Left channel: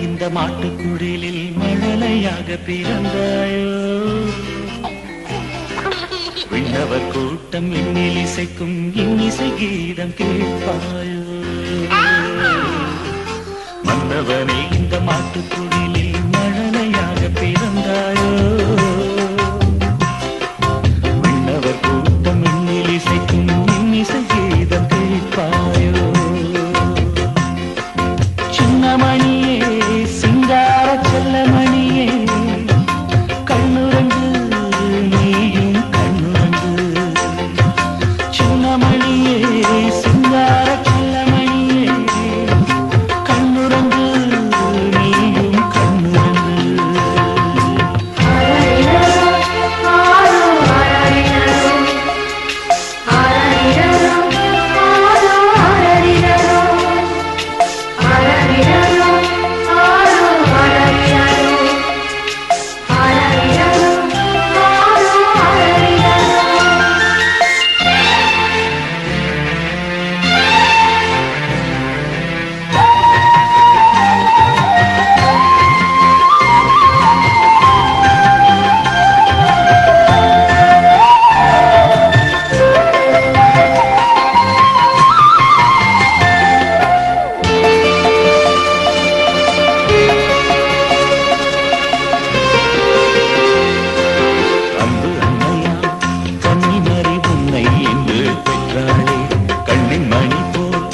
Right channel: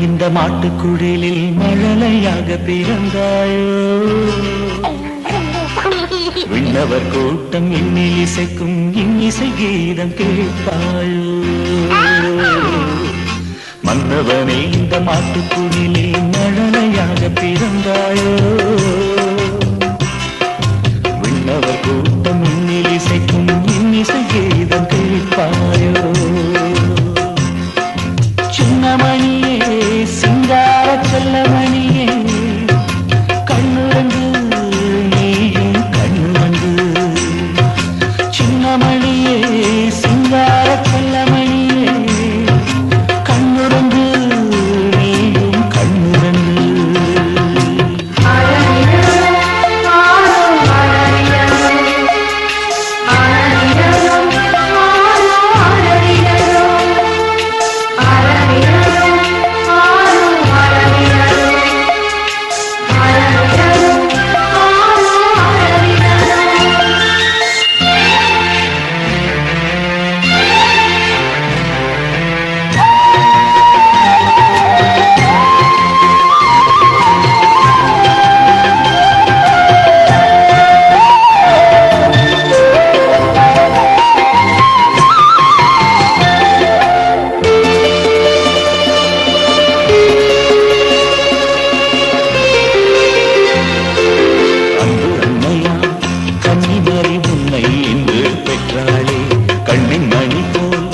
இந்த மாட்டுக்குடிலில் மழலையாக பிறந்தாயோ? விண்ணவர் கூட்டம் இன்னில் இசைக்கும் இன்னிசை கீதம் கேட்பாயோ? மன்னவனே இந்த மாட்டுக்குடிலில் மழலையாக பிறந்தாயோ? விண்ணவர் கூட்டம் இன்னில் இசைக்கும் இன்னிசை கீதம் கேட்பாயோ? சின்னமணியே சிங்கார செல்லமணியே கண்ணுறங்கு கண்ணின் மணி போல்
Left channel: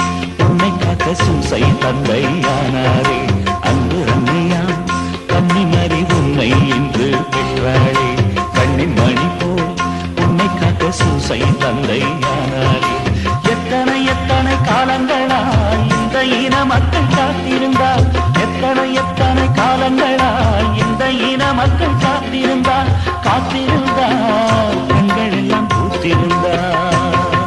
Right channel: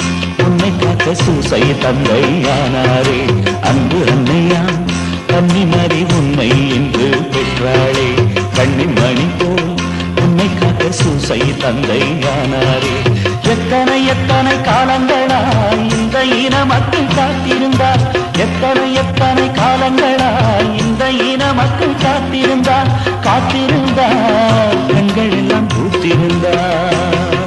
உன்னை காக்க சூசை தந்தையானாரே. அன்பு அன்னையா கன்னிமறி உண்மை என்று பெற்றாளே. கண்ணின் மணி போல் உன்னை காக்க சூசை தந்தையானாரே. எத்தனை எத்தனை காலங்களாய் இந்த இன மக்கள் காத்திருந்தார். எத்தனை எத்தனை காலங்களாய் இந்த இன மக்கள் காத்திருந்தார். காத்திருந்தார் பெண்கள் எல்லாம் பூத்திருந்தார்.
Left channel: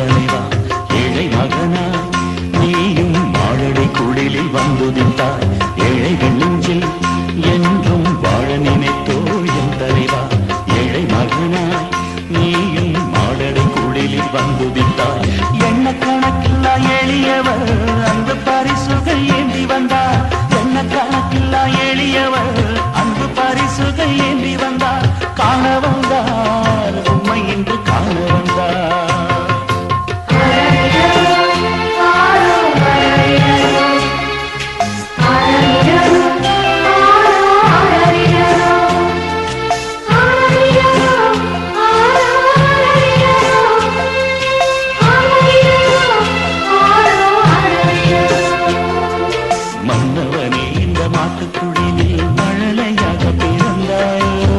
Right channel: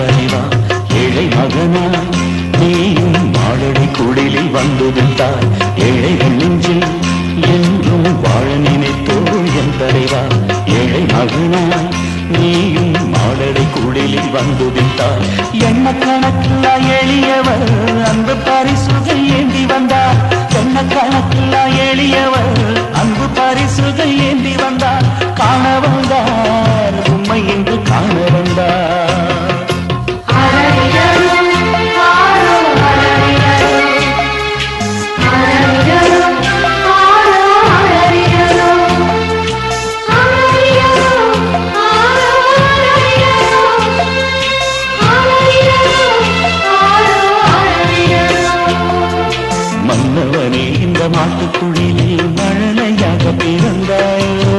தலைவா ஏழை மகனாய் நீயும் மாழடை குடிலில் வந்துதித்தாய் ஏழைகள் நெஞ்சில் என்றும் வாழ நினைத்தோ என் தலைவா. ஏழை மகனாய் நீயும் மாடடை குடிலில் வந்துதித்தாய் எண்ண கணக்கில்லா எளியவர் அன்பு பரிசுகள் ஏந்தி வந்தார். எண்ண கணக்கில்லா எளியவர் அன்பு பரிசுகள் ஏந்தி வந்தார். காண வந்தார் உண்மை என்று காண வந்தார். மன்னவனே இந்த மாட்டுக்குழிலில் மழலையாக பிறந்தாயோ?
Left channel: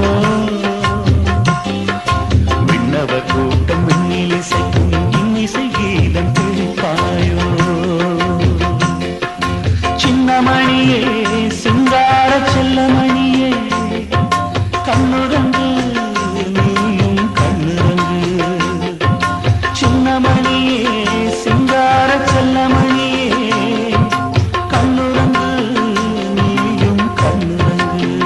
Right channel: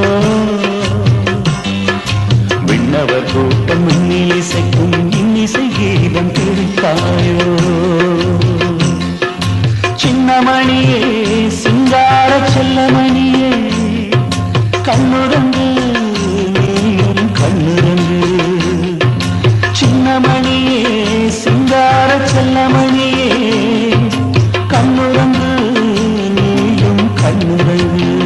விண்ணவர் கூட்டம் விண்ணில் இசைக்கும் இன்னிசை கீதம் கேட்பாயோ? சின்னமணியே சிங்கார செல்லமணியே கண்ணுரங்கு நீயும் கண்ணுரங்கு. சின்னமணியே சிங்கார செல்லமணியே murangue